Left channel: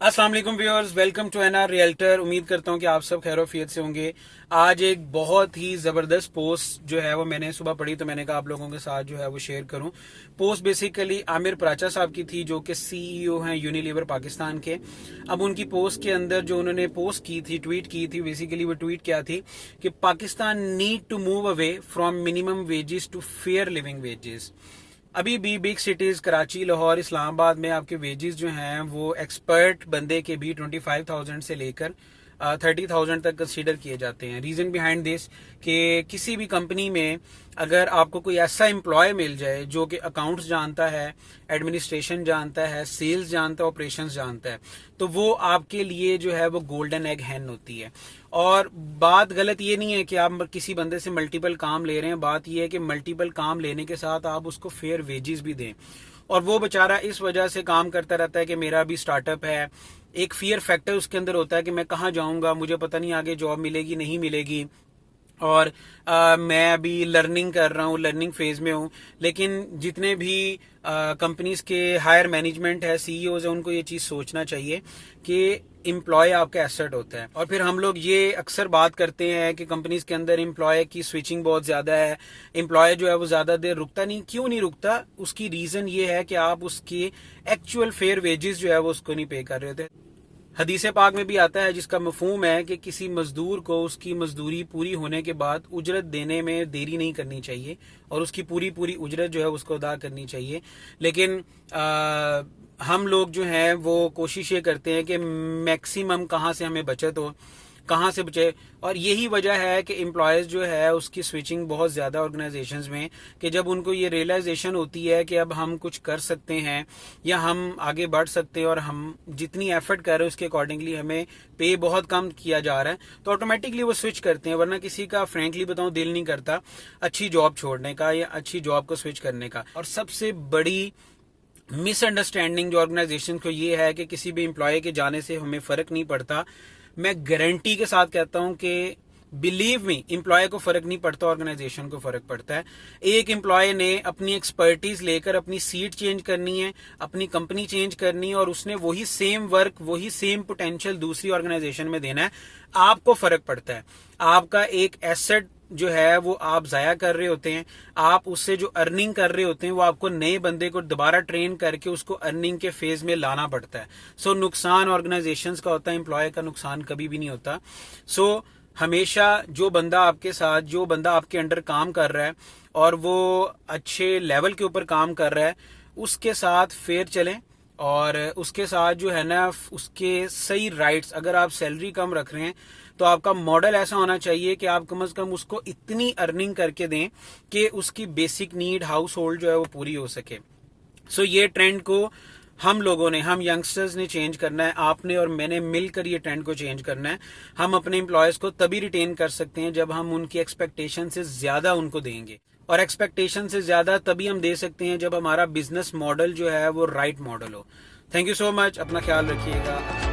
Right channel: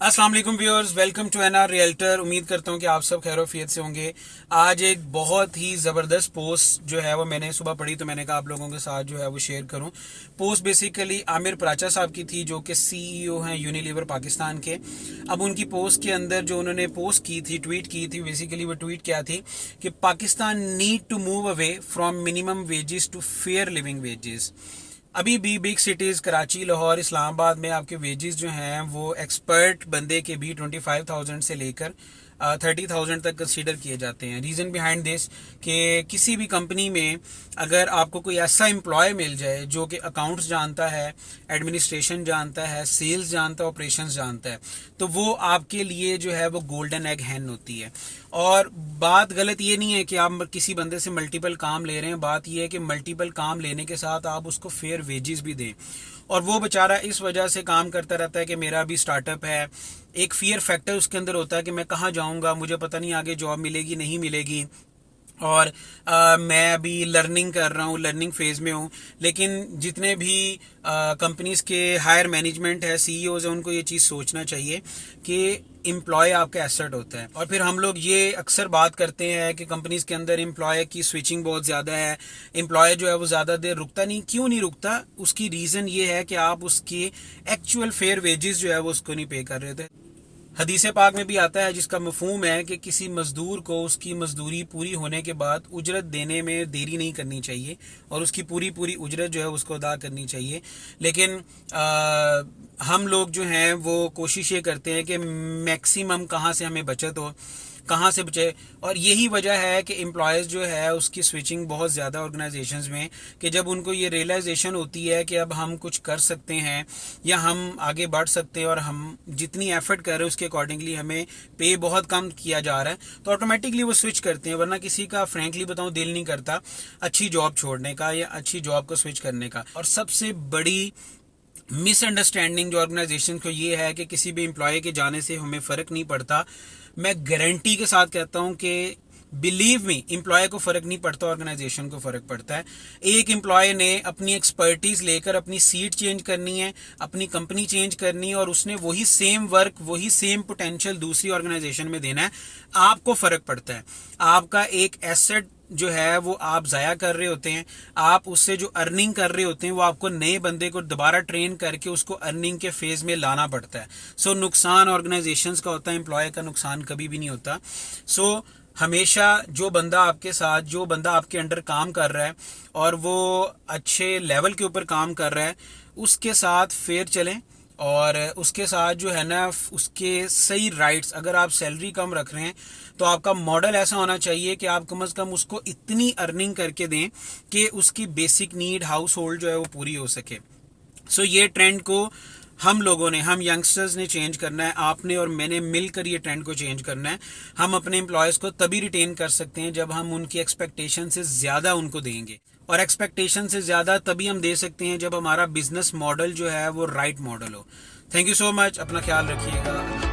अस्सलाम वालेकुम viewers, welcome to NR realtor. उम्मीद करता हूँ कि आप सब खैरोफियत से होंगे। आज एक बहुत ही ज़बरदस्त पोस्ट जो है वो मैंने सुबह पढ़ी, तो मैंने कहा आप लोगों के साथ जो है वो शेयर करूँ। पोस्ट बेसिकली आमिर प्राचा साहब की थी, जो कि सीईओ हैं यूनिलीवर पाकिस्तान के। अब उनकी पोस्ट के अंदर जो उन्होंने पोस्ट की थी, ट्वीट की थी, बेसिकली वो ट्वीट क्या थी कि Pakistan need to move away from minimum wages to fair living wages. अभी भी बिग सिटीज़ कराची, लाहौर, इस्लामाबाद में आपके वेजेस जो हैं वो एक्सपर्ट बंदे के भी 25,000 से लेकर 30,000 तक कंसीडर किए जाते हैं। रीज़न बिहाइंड दिस कि किसी भी कंपनी में अगर आपको कोई ऐसा एम्प्लॉय मिल जाए जो कि अकाउंट्स जानता है, एडमिनिस्ट्रेशन जानता है, सेल्स जानता है, ऑपरेशंस जानता है, तो वो आपके लिए जो है वो गोल्डन एग हैन होती है। और बात गलत ये नहीं है कि आप किसी बंदे से मल्टीपल काम ले रहे हैं, बात ये है कि मल्टीपल काम लेने के साथ आप उसको फेयर वेजेस भी दें। और वो बेचारा इस वजह से काम करता रहता है कि मेरा भी स्टार्टअप है, एक फियर फैक्टर उसके अंदर होता है कि मैं कहाँ जाऊँगा, मुझे पता नहीं आगे जॉब मिलेगी नहीं मिलेगी, और मैं अभी लर्निंग कर रहा हूँ, लर्निंग फेज़ में हूँ। लेकिन जितने भी कंपनीज़ के हायर मैनेजमेंट है, सीईओज़ है, उनको ये चीज़ सोचना चाहिए कि एम्प्लॉय आपका एसेट होता है। और फिर हम लोग ये अक्सर बात करते हैं कि कंपनीज़ के अंदर एम्प्लॉय की स्विचिंग बहुत ज़्यादा है, एम्प्लॉय जो है वो ज़्यादा देर रुकता नहीं। क्यों नहीं रुकता? उसकी रीज़न ये है कि आप उसकी एक्चुअल फेयर वेजेस जो है वो उसको नहीं पे कर रहे थे। हदीस पाक में भी आता है जिसका मफहूम है कि किसी मजदूर को उसकी मजदूरी पूरी होने के बाद उजरत देने में देरी नहीं करनी चाहिए और उसकी पूरी पूरी उजरत जो है उसको अदा करनी चाहिए। लेकिन हम लोग जो हैं वो कोशिश ये करते हैं कि मैक्सिमम कहाँ से हमें बचत हो, कहाँ से बचे। और यही वजह है कि एम्प्लॉयज़ जो है उसकी स्विचिंग बहुत ज़्यादा ऑर्गेनाइजेशंस में, कि जब उनको ये रियलाइजेशन होती है कि अब हम कुछ कर सकते हैं या हम आगे बढ़ सकते हैं और हम जितनी एफर्ट कर रहे हैं उसके अकॉर्डिंगली हमें पे बहुत कम किया जा रहा है, तो ऑटोमेटिकली वो स्विच करते हैं। वरना किसी का फ्रेंकली बताऊँ दिल नहीं करता अच्छी जॉब छोड़ने का या अच्छी जॉब को स्विच करने का। और सबसे बड़ी मिसअंडरस्टैंडिंग जो ऑर्गेनाइजेशन को ये है कि किसी भी एम्प्लॉय के जाने से हमें फ़र्क नहीं पड़ता। मैं गारंटी के साथ कहता हूं कि बिलीव मी, एम्प्लॉय को फ़र्क नहीं पड़ता, ऑर्गेनाइजेशन को फ़र्क पड़ता है। एक एम्प्लॉय ने अपनी एक्सपर्टीज़ लेकर अपनी सीट चेंज करनी है, अपनी कंपनी चेंज करनी है, और उसने वही सेम वर्क, वही सेम पोटेंशियल दूसरी ऑर्गेनाइजेशन में देना है। आपको फ़र्क पड़ता है। आपका एक एसेट जो है वो आप ज़ाया कर रहे होते हैं, आप उससे जो अर्निंग कर रहे होते हैं वो आपको नए बंदे को दोबारा ट्रेन करके उसको अर्निंग के फेज़ में लाना पड़ता है। सो नुकसान ऑर्गेनाइजेशंस का होता है, एम्प्लॉय का नुकसान कभी भी नहीं होता। सो हमेशा जो बंदा आपके साथ, जो बंदा आपके अंडर काम कर रहा है और वो अच्छे लेवल के ऊपर काम कर रहा है, उसके साथ फेयर चलें। और उसके साथ जो है ना उसके सही राइट्स, अगर आप सैलरी कम रख रहे हैं तो आपका मॉडल ऐसा होना चाहिए कि आप कम से कम उसको इतनी अर्निंग करके दें कि उसकी बेसिक नीड, हाउस होल्ड जो है वो पूरी हो सके। सो ये ट्रेंड को हम लोगों ने, हम यंगस्टर्स ने चेंज करना है। आपने और मैंने मिलकर ये ट्रेंड को चेंज करना है। हम अपने एम्प्लॉयज़ को तभी रिटेन कर सकते हैं जब हम उनकी एक्सपेक्टेशन से ज़्यादा उनको देंगे, और एक्सपेक्टेशन से ज़्यादा तभी हम दे सकते हैं जब हमारा बिजनेस मॉडल जो है वो राइट मॉडल हो। Thank you so much. अपना ख्याल रखिएगा।